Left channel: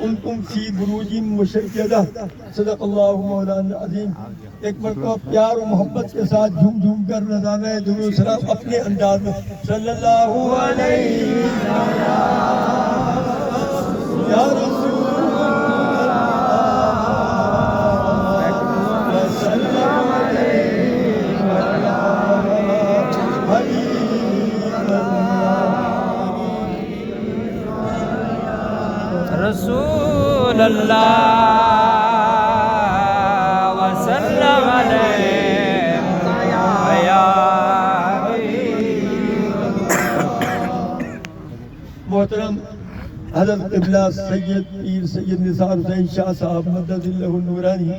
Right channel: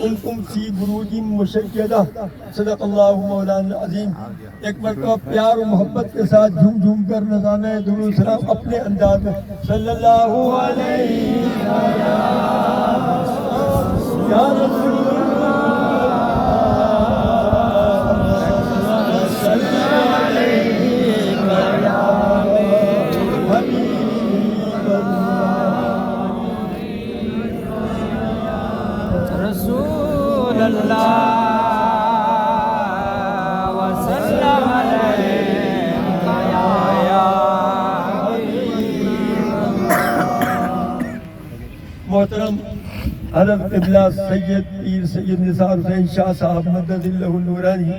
کنتم فی بروج مشیدہ صدق اللہ مولانا العظیم۔ ایک مرتبہ پیار و محبت کے ساتھ جھوم جھوم کر نذرانہ درود و سلام اپنے انداز میں صلی اللہ علیہ یا رسول رسول اللہ وسلم محترم حضرت قبلہ سید پیر سید نثار حسین شاہ صاحب مدد اللہ النورانی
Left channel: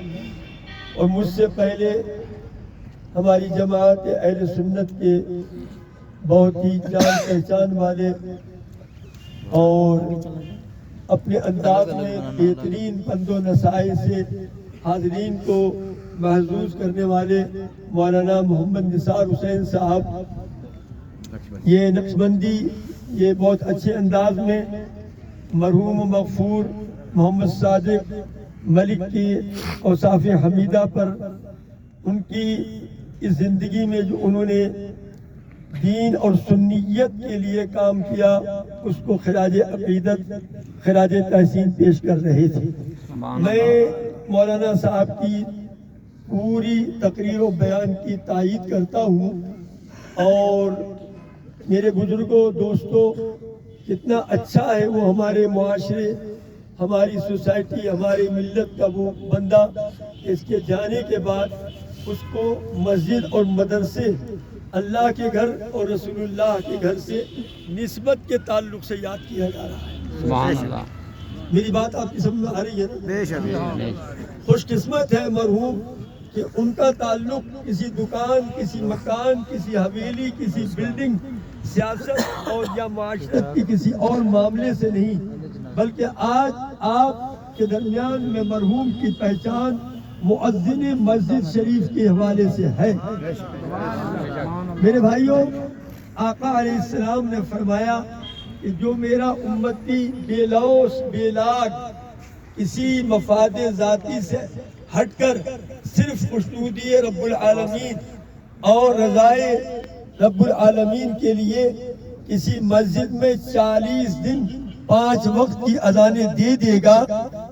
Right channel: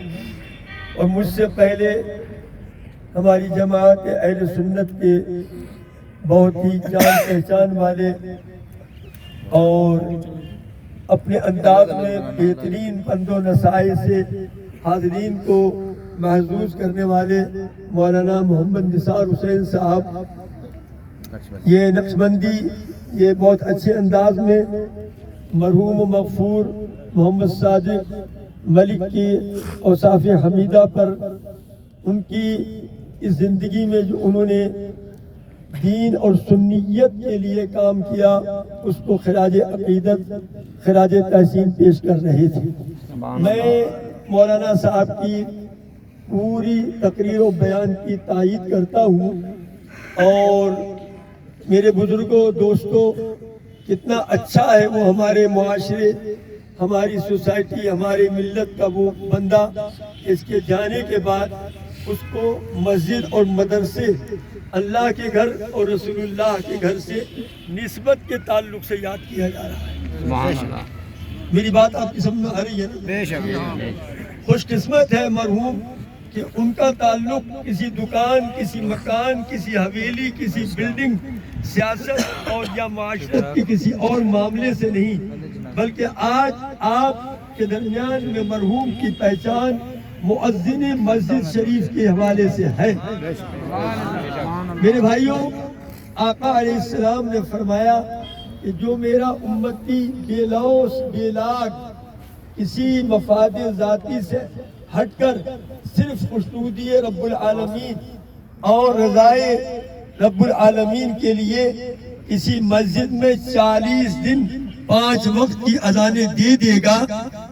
اور مجھ سے پہلے ہماری جماعت اہل سنت کے بہت ہی جان پہچان والے اور اپنے انداز میں بہترین پند و نصائح سے حاضرین کو محظوظ کرنے والے مولانا محمد نثار حسین صاحب، یہ نقشبندی یہ بہت اچھے انداز میں مرحوم و مغفور محمد صادق ملک کی اوصاف حمیدہ پر ان کی اس زندگی میں جو انہوں نے دین اور سنیت کے لیے کام کیا اس کو خراج عقیدت خراج تحسین پیش کر رہے تھے۔ میں مولانا صاحب کی پوری تقریر و بیان کی تائید کرتا ہوں، اور میرے بزرگوں دوستوں کتنا اچھا ہے وہ ہمارے معاشرے ہماری سوسائٹی ہماری ملت کا وہ بندہ اس کے جانے کے بعد اس کو مسجد اور مدرسے اللہ کے گھر اور رسول اللہ کے گھر سے نسبت کے تعلق سے یاد کیا جا رہا ہے۔ میری بات آپ کی سمجھ میں آ رہی ہے نا؟ خوش قسمت ہے مرحوم کہ ان کا تعلق کسی دکان کسی مکان کسی حویلی کسی بلڈنگ سیاست اور یا معاشرت کی کسی اور معاملے سے نہیں، بلکہ آج آپ کے درمیان میں مرحوم کی پہچان مؤذن مسجد شریف کے حوالے سے ہے۔ میرے بھائیوں، آقا علیہ السلام نے فرمایا کہ جو میرا امتی بے لوث بے لاگ کسی مفاد ذاتی سے ہٹ کر صرف خوشنودی رب العالمین اور رضائے رب العالمین کے لیے کسی مسجد میں 40 دن 5 وقت کی اذانیں دے دے گا،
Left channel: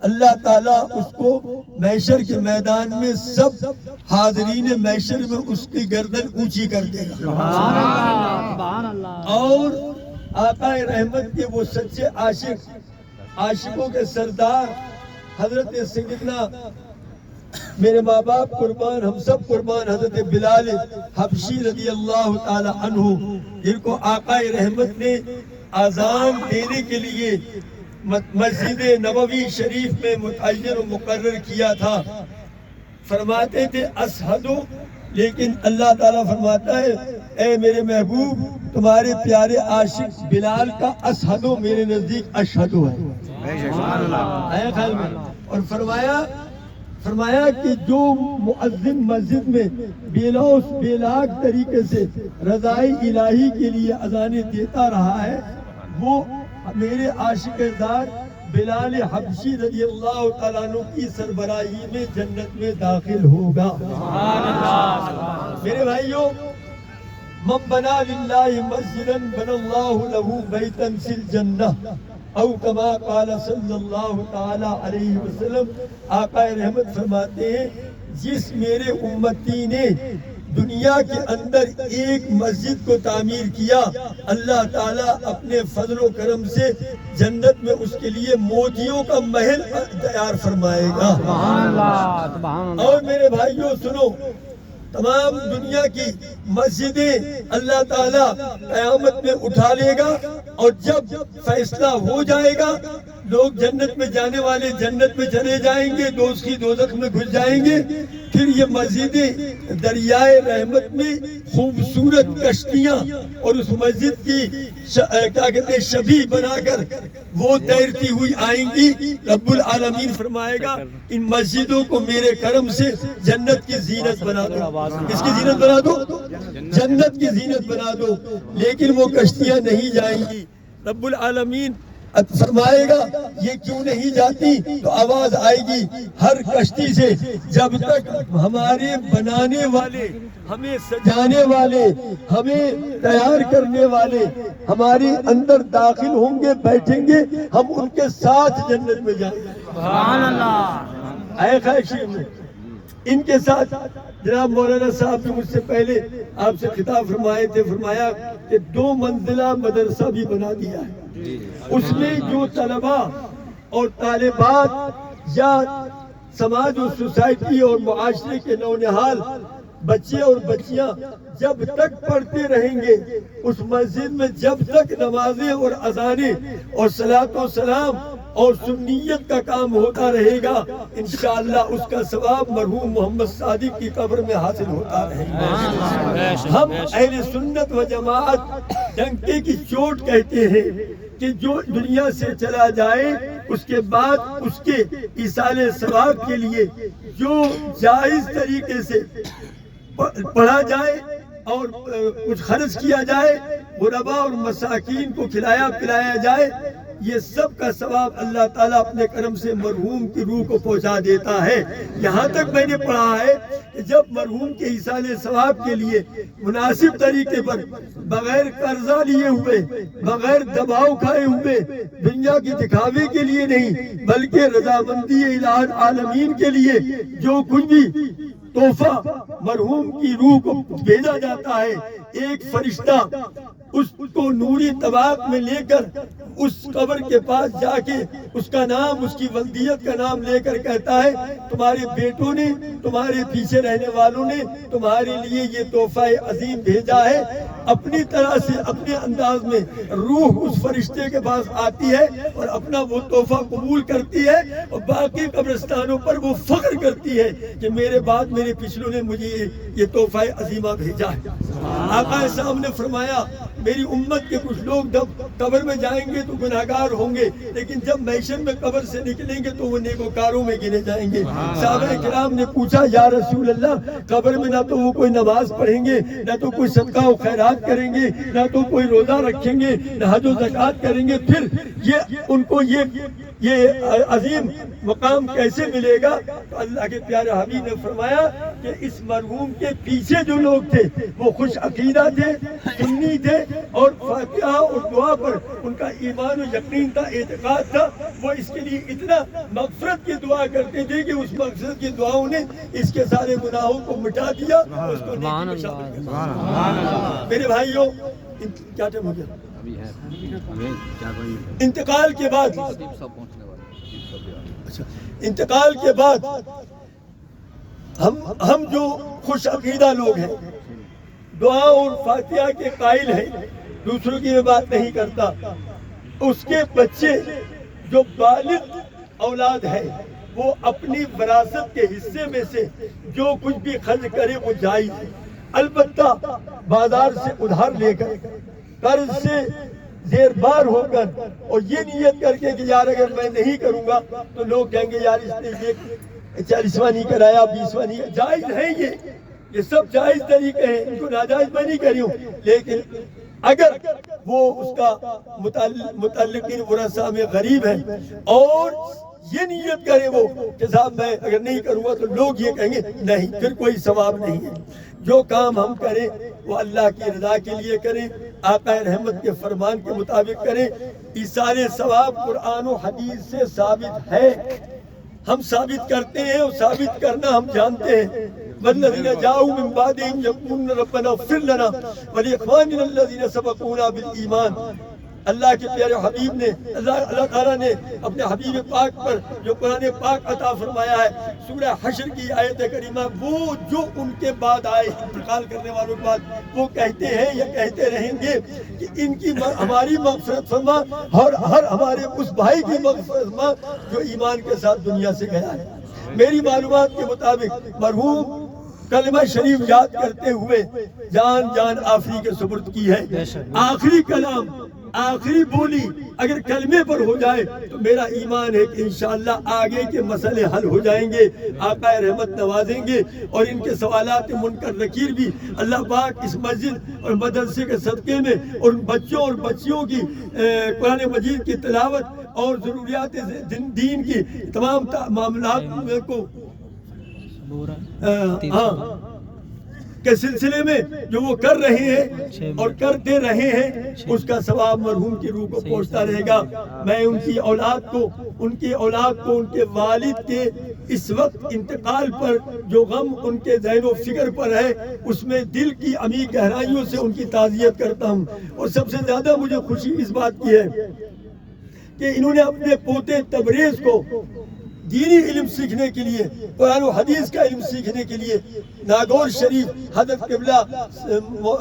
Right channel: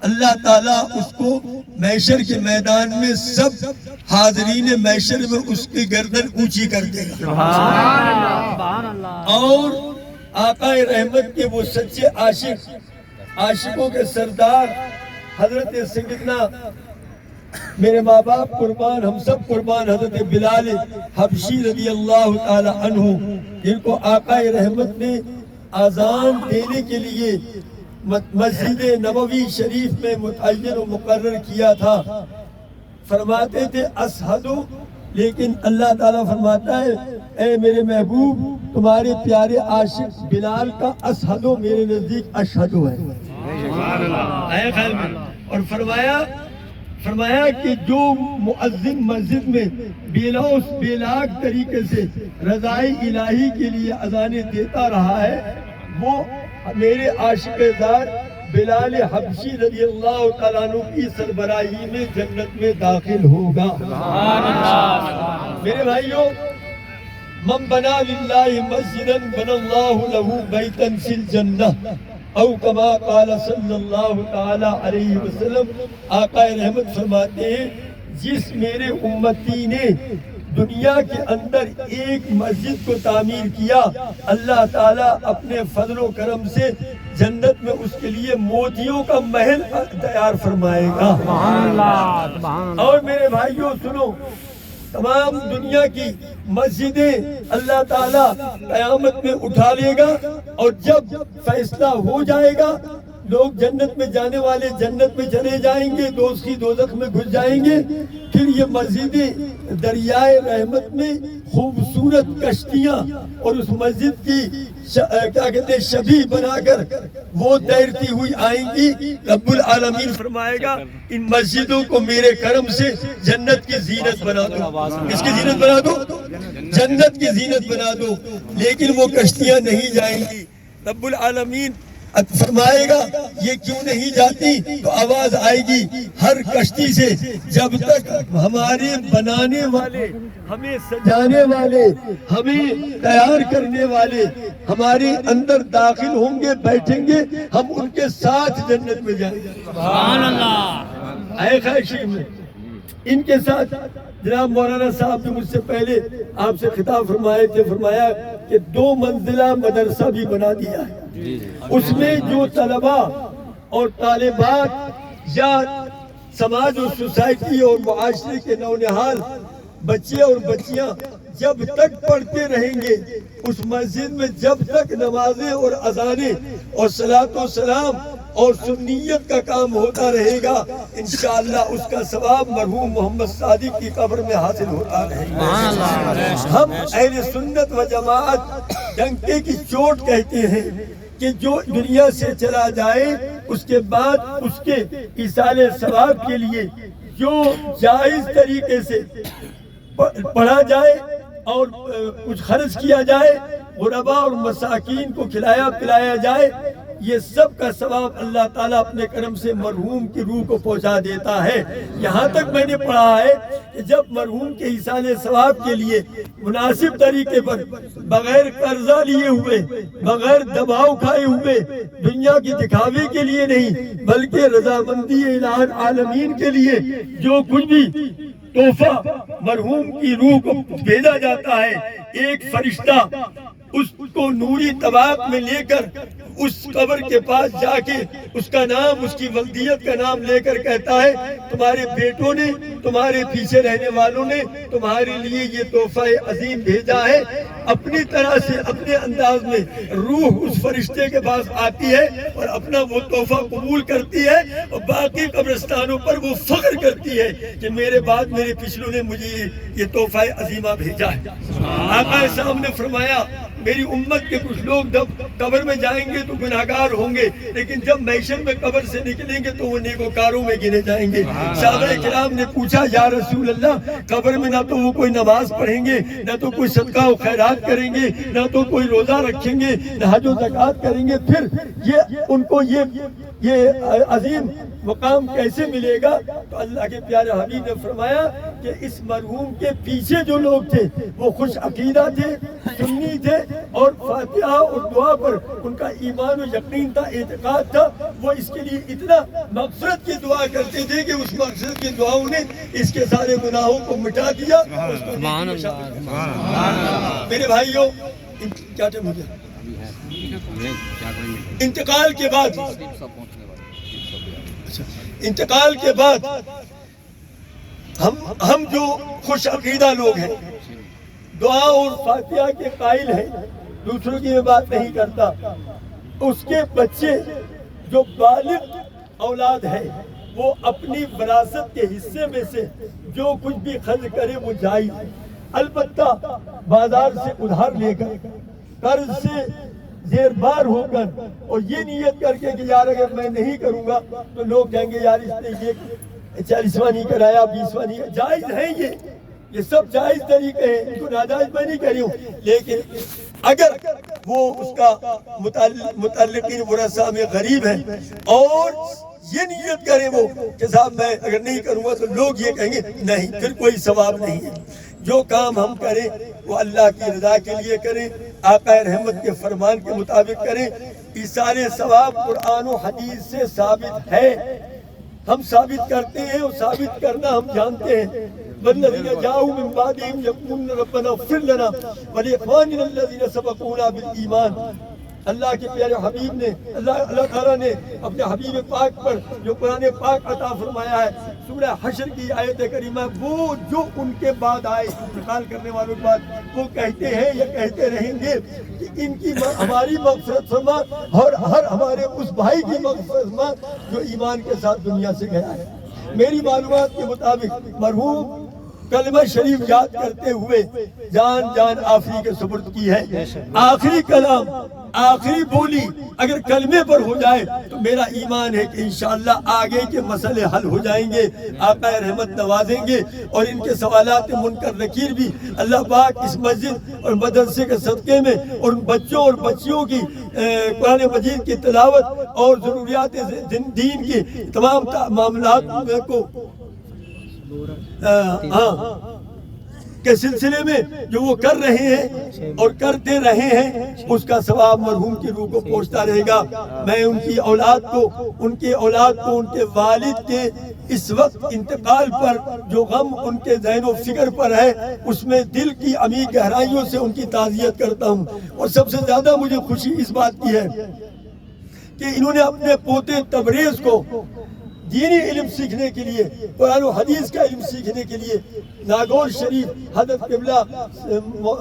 اللہ تعالیٰ اس کو محشر کے میدان میں سب حاضرین محشر میں اس کی گردن اونچی کر دے گا۔ اور آقا رحمت کے وہ سچے عاشق عاشقوں کے سردار حضرت سیدنا میرے ماں باپ قربان ہم سب قربان حضرت بلال حبشی رضی اللہ تعالی عنہ، جن کو آقا رحمت نے اذان دینے کے لیے مسجد نبوی شریف میں متعین و مقرر کیا تھا، فرماتے تھے اشہدو، لیکن اللہ تعالیٰ فرماتا ہے اے میرے محبوب تمہارے پیارے عاشق بلال کا اشہدو میرے نزدیک اشہدو ہے۔ آیا خیال میں؟ اور فرمایا کہ جو مؤذن مسجد میں بے لوث بے لاگ طریقے سے رضائے الہی کے لیے اذانیں دیتا رہا ہے وہ میرے عاشق دار بلال حبشی رضی اللہ تعالیٰ عنہ کی سربراہی میں جنت میں داخل ہوگا۔ میرے بھائیوں، من بنا للہ مسجدا بنا اللہ لہ بیتا فی الجنہ او کما قال صلی اللہ تعالی علیہ وسلم، آقا رحمت فرماتے ہیں جس میرے امتی نے دنیا کے اندر ایک مسجد کو تعمیر کیا، اللہ تعالیٰ اپنے فضل و کرم سے جنت میں اس کے لیے موتیوں کا محل تیار فرمائے گا۔ اور میرے بھائیوں سنو، تمام دنیا کی مسجدیں اللہ تعالیٰ قیامت میں اٹھا لے گا، اور جب فیصلہ ہو جائے گا لوگ جنت میں جانے والے جنت میں چلے جائیں گے، دوزخی دوزخ میں گھس جائیں گے، پھر یہ مسجدیں دریائے رحمت میں خوبصورت کشتیاں اور اس مسجد کی کیا کہتے ہیں شبیہ بنا کر وہ تیرتی ہوئی آئیں گی۔ رب العالمین فرمائے گا ان مسجدوں کو میرے کرم سے جنت کی زینت بنا دو۔ کس کی زینت بنا دو؟ جنت کی زینت بنا دو۔ لیکن وہ کشتیاں نہیں جائیں گی۔ رب العالمین فرمائے گا یہ کیوں نہیں جاتی؟ تو آواز آئے گی ہر کشتی سے، جب تک ہمارے بنانے والے، ہمیں سجانے والے، ہمیں تیار کرنے والے ہمارے اندر داخل ہوں گے، بیٹھیں گے، ہم ان کے ساتھ جنت میں جائیں گے۔ سبحان اللہ۔ اے خواہشین، ان کے ساتھ جناب مولانا صاحب بھی مجھ سے پہلے آپ سے خطاب فرمائے تھے، فرمایا کہ 2 منزلہ مدرسہ بھی بنا دیا ہے، اس میں جو طلباء اور طالبات یا سماج اور سوسائٹی اور معاشرے کے نونہال بچے اور بچیاں جب تک پڑھتے رہیں گے، اس مسجد میں جب تک نمازیں اور اذانیں اور صلاۃ و سلام اور سنیت کا کام ہوتا رہے گا، انشاءاللہ اس کا ثواب مرحوم محمد صادق کی قبر میں حاصل ہوتا رہے گا۔ ہم اہل سنت و جماعت ڈنکے کی چوٹ کہتے ہیں کہ جو دنیا سے چلا جائے اس کے بعد اس کے ایصال ثواب کے لیے جو جائز طریقے سے پڑھا جائے اور کچھ خرچ کیا جائے، غرباء اور مساکین کو کھلایا پلایا جائے، یہ سب کا ثواب اللہ تعالیٰ اپنے کرم سے مرحوم کی روح کو پہنچا دیتا ہے۔ یہاں تک میں نے پڑھا ہے کہ جب مرحوم کے ایصال ثواب کے لیے مناسب طریقے پر، بغیر قرضہ لیے ہوئے، بغیر دباؤ کھائے ہوئے، دنیا کی دکھاوے کے لیے نہیں بلکہ رضامندی الہ عالمین کے لیے جو کچھ بھی تحفہ مرحوم کی روح کو بھیجا جاتا ہے، ایک فرشتہ اس کو نوری طباق میں لے کر اس قبر کے پاس جا کے اس کا نام، اس کی ولدیت کا نام لے کر کہتا ہے تمہارے بیٹوں نے، تمہارے پیچھے رہنے والوں نے تمہارے لیے یہ تحفہ عظیم بھیجا ہے۔ اپنی طرح سے اپنے انداز میں روح اس فرشتے کے پاس آتی ہے اور اپنا وہ تحفہ قبول کرتی ہے، اور باقی قبرستانوں پر وہ فخر کرتی ہے کہ میرے بعد میرے پچھلوں نے مجھے یہ تحفہ عظیمہ بھیجا ہے۔ آقا صاحب نے فرمایا میری امت کے کچھ لوگ جب قبر میں جائیں گے تو گناہگار ہوں گے، لیکن جب محشر میں قبر سے نکلیں گے تو وہ نیکوکاروں میں گنے جائیں گے۔ صحابہ کرام نے پوچھا یا رسول اللہ، قبر میں نہ تو وہ کوئی نماز پڑھیں گے، نہ تو کوئی صدقہ و خیرات کریں گے، نہ تو کوئی روزہ رکھیں گے، نہ حج و زکوٰۃ کریں گے، پھر ان کو یہ عظیم مقام کیسے ملے گا؟ تو اللہ کے پیارے حبیب نے فرمایا کہ اس مرحوم کے پیچھے جو لوگ تھے وہ خوش عقیدہ تھے، سنی تھے، اور فاتحہ اور دعا پر ان کا ایمان و یقین تھا، اعتقاد تھا، وہ اس کے لیے اتنا مغفرت کی دعا کرتے تھے کہ اس مغفرت کی دعاؤں نے اس کے سارے گناہوں کو مٹا دیا اور اس کو نیکی میں شامل کر دیا۔ میرے بھائیوں، کیا ٹائم ہو گیا؟ انتقال کے بعد ہم جو خوش عقیدہ لوگ ہیں، دعا اور فاتحہ کے قائل ہیں، دوسروں کی میں بات نہیں کرتا، اس کے بچے جو بالغ اولاد ہے وہ اپنی وراثت کے حصے میں سے جو کچھ بھی خرچ کرے وہ جائز ہے، البتہ بازار سے ادھار لے کر، قرض سے زیر بار ہو کر، اور یہ نیت کر کے کہ یار اگر میں نہیں کروں گا تو لوگ کہیں گے یار اس نے یہ 40واں نہیں کرایا، 20واں نہیں، جائز ہے یہ سب جائز طریقے ہیں، ان کو ناجائز میں نہیں کری ہوں، لیکن اگر وہ اس کا متعلقین ورثہ میں غریب ہے اور یہ نیت کرے وہ کہ صاحب میں اگر نہیں کروں گا تو لوگ یہ کہیں گے، نہیں، پھر کوئی ثواب نہیں ہے۔ جو کام ہم کریں وہ اللہ کی رضا کے لیے کریں، آقا رحمت کے فرمان کے مطابق کریں، یہ سارے ثواب قرآن و حدیث سے ثابت ہے، ہم ثابت کرتے ہیں اور ثابت کرنا ہم جانتے ہیں۔ والذین جاؤوا من بعدہم یقولون ربنا اغفر لنا ولاخواننا الذین سبقونا بالایمان۔ اللہ کے پیارے حبیب نے، اللہ تعالیٰ نے اپنے حبیب پاک پر جو قرآن پاک عطا فرمایا ہے، سورہ حشر کی آیت کریمہ، وہ جو ان کے بعد آئے، انتقال کرنے والوں کے بعد، وہ کہتے ہیں یا کہتے رہیں گے کہ ان کی ہماری مغفرت فرما اور ہر ہمارے اس بھائی کی مغفرت فرما جو ایمان کے ساتھ دنیا سے گیا ہے۔ میری معلومات کے مطابق مرحوم کلمہ شریف یاد کرتے ہوئے جان آفری کے سپرد کی ہے۔ آخری کلام آخری بولی اگر کلمے پر ہو جائے تو میرا ایمان ہے کہ انشاءاللہ آگے کے مسئلے حل ہو جائیں گے، آقا رحمت نوازیں گے، اور ان کے سوالات منکر نکیر بھی اللہ پاک اس مسجد اور مدرسے کے صدقے میں اور ان بچوں اور بچیوں کی قرآن مجید کی تلاوت اور ضروریات دین کی تمام معاملات کو کے سلسلے میں جو وہ کر رہے ہیں اور کرتے رہے ہیں، اس کا ثواب مرحوم کی روح کو پہنچتا رہے گا۔ میں ان کی اولاد کو، ان کے والد کے اس وقت انتقال پر جو غم ان کے ذہن و فکر پر ہے، اس میں دل کی عمیق گہرائیوں سے ان کی تعزیت کرتا ہوں۔ اور سب سے زیادہ مجھے خوشی اس بات کی ہے کہ انہوں نے اپنے پوتے تبریز کو دینی علم سیکھنے کے لیے، قرآن و حدیث کا علم سیکھنے کے لیے ناگور شریف حضرت قبلہ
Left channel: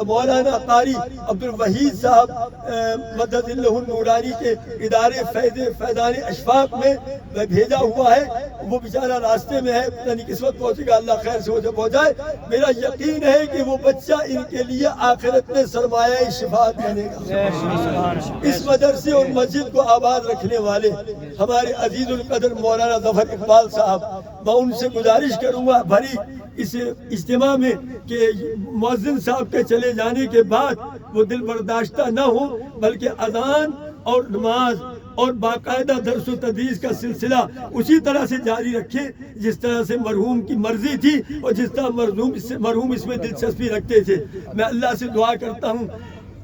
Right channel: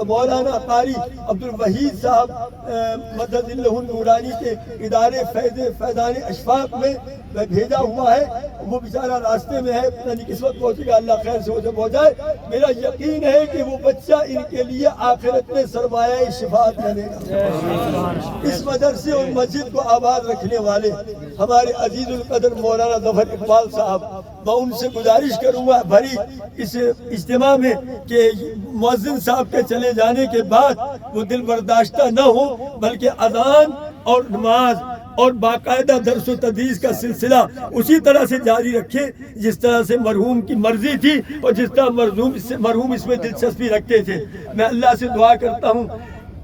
مولانا قاری عبدالوحید صاحب مدد اللہ نورانی کے ادارے فیضان اشفاق میں بھیجا ہوا ہے۔ وہ بیچارہ راستے میں ہے، یعنی کس وقت پہنچے گا، اللہ خیر سے اسے پہنچائے۔ میرا یقین ہے کہ وہ بچہ ان کے لیے آخرت میں سرمایہ شفاعت بنے گا۔ اس مدرسے اور مسجد کو آباد رکھنے والے ہمارے عزیز القدر مولانا ظفر اقبال صاحب، میں ان سے گزارش کروں گا بھری اس اجتماع میں کہ مؤذن صاحب کے چلے جانے کے بعد وہ دل برداشتہ نہ ہو، بلکہ اذان اور نماز اور باقاعدہ درس و تدریس کا سلسلہ اسی طرح سے جاری رکھے جس طرح سے مرحوم کی مرضی تھی اور جس طرح مرحوم اس میں دلچسپی رکھتے تھے۔ میں اللہ سے دعا کرتا ہوں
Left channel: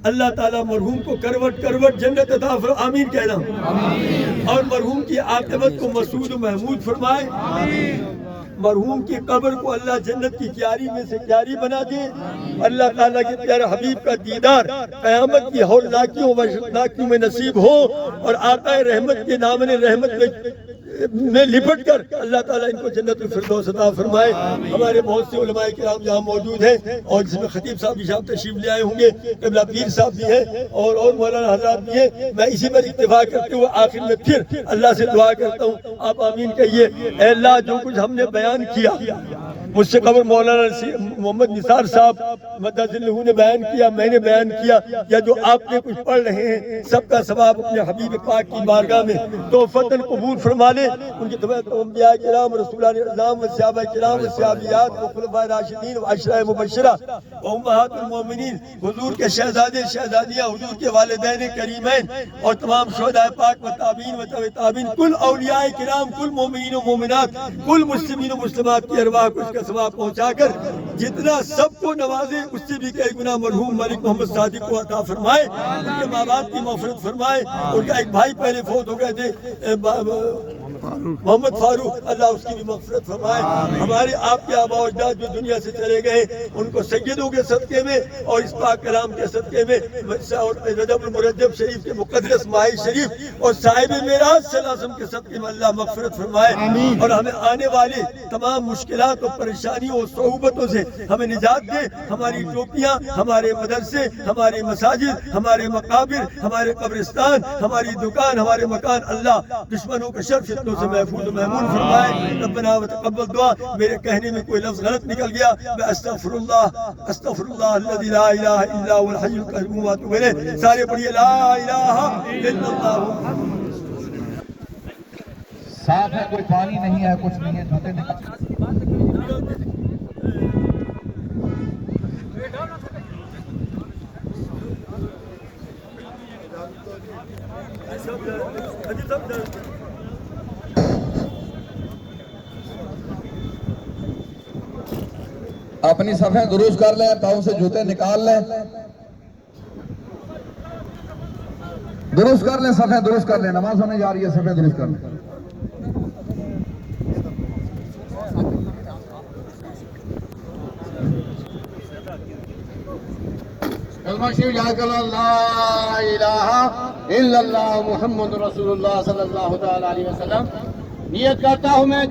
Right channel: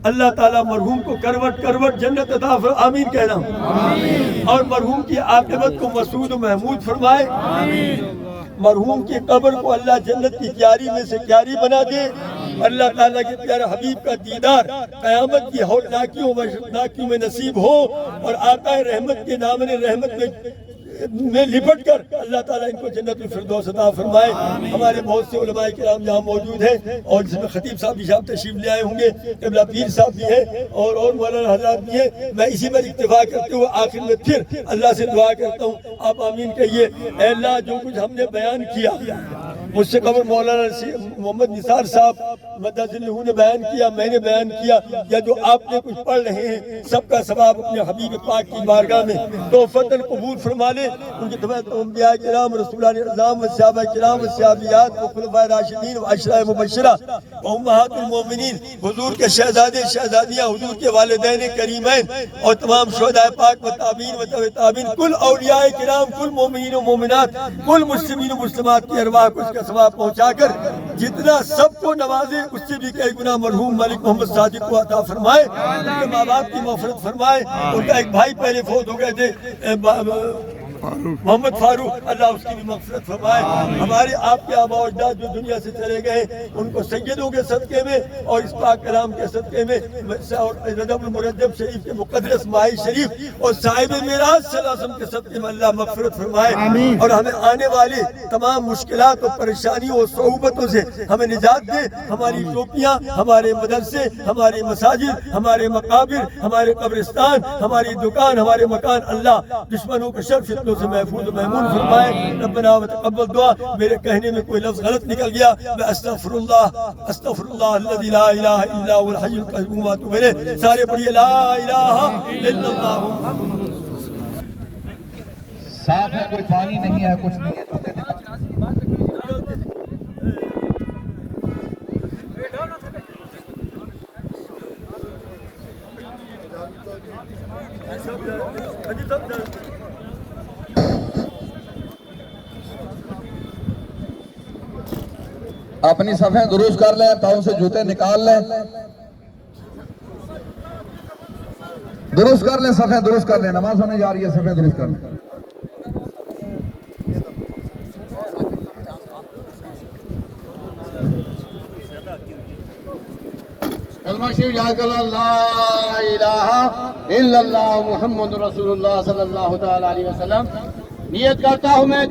اللہ تعالیٰ مرحوم کو کروٹ کروٹ جنت عطا فرمائے، آمین کہنا، اور مرحوم کی عاقبت کو مسعود و محمود فرمائے، مرحوم کی قبر کو اللہ جنت کی کیاری میں سے کیاری بنا دے، اللہ تعالیٰ کے پیارے حبیب کا دیدار قیامت کی ہولناکیوں و میں نصیب ہو، اور آقا رحمت کے دامن رحمت میں لپٹ کر اللہ تعالیٰ ان کو جنت الفردوس عطا فرمائے۔ ہمارے بہت سے علماء کرام یہاں موجود ہیں، اور جس میں خطیب صاحب بھی تشریف لے آئے ہوں گے، قبلہ پیر صاحب بھی ہیں، اور مولانا حضرات بھی ہیں۔ میں اسی پر اکتفا کرتے ہوئے آخر میں پھر اللہ سے دعا کرتا ہوں، آپ آمین کہیے۔ اے اللہ، جو کچھ ہم نے بیان کیا، مجھ سے قبل مولانا محمد نثار صاحب مدد اللہ نے بیان کیا، میں نے بیان کیا، یا جو آپ نے کچھ پڑھ رہے ہیں، سب کا ثواب اپنے حبیب پاک کی بارگاہ میں توفتاً قبول فرما لے۔ ان کی تمام انبیاء کرام، رسولان اعظام و صحابہ کرام و صحابیات و خلفائے راشدین و عشرہ مبشرہ و امہات المومنین، حضور کے شہزادے شہزادیاں، حضور کے والدین کریمین، اور تمام شہداء پاک و تابعین و تبع تابعین، کل اولیاء کرام، کل مومنین و مومنات، کل مسلمین و مسلمات کی ارواح کو اس کا ثواب پہنچا کر جتنا سب کو نوازے، اس سے بھی کئی گنا مرحوم ملک محمد صادق کو عطا فرمائے، ان کے ماں باپ کی مغفرت فرمائے۔ ان کا ایک بھائی پہلے فوت ہو گئے تھے، محمد فاروق، اللہ اس کی بھی مغفرت فرمائے۔ ہمارے آپ کے آباء و اجداد جو دنیا سے چلے گئے، ان کو سیدوں کے صدقے میں اور اس پاک کلام کے صدقے میں اور رجب المرجب شریف کے مقدس ماہ شریف اور صاحب معراج صلی اللہ علیہ وسلم کے صدقے میں اللہ مغفرت فرمائے، اور ہمیں آنے والے تمام مشکلات اور پریشانیوں اور صعوبتوں سے ہمیں نجات دے۔ ہماری ٹوپیاں، ہمارے مدرسے، ہمارے مساجد، ہمارے مقابر، ہمارے قبرستان، ہماری دکان، ہمارے مکان اللہ دشمنوں کے شر فتنوں سے محفوظ و محمون فرمائے۔ ربنا وتقبل دعا۔ میرے کہنے میں کوئی لفظ غلط نکل گیا، میں استغفر اللہ الذی لا الہ الا هو الحی القیوم واتوب الیہ۔ سارے پڑھیے لا الہ الا اللہ۔ صاف ہے، کوئی پانی نہیں ہے، کچھ نہیں ہے۔ اپنی صفیں درست کر لیں، پاؤں سے جوتے نکال لیں، درست کر لیں، صفیں درست کر لیں، نماز ہونے جا رہی ہے، صفیں درست کر لیں۔ کلمہ شریف یاد کرو، لا الہ الا اللہ محمد رسول اللہ صلی اللہ تعالی علیہ وسلم۔ نیت کرتا ہوں میں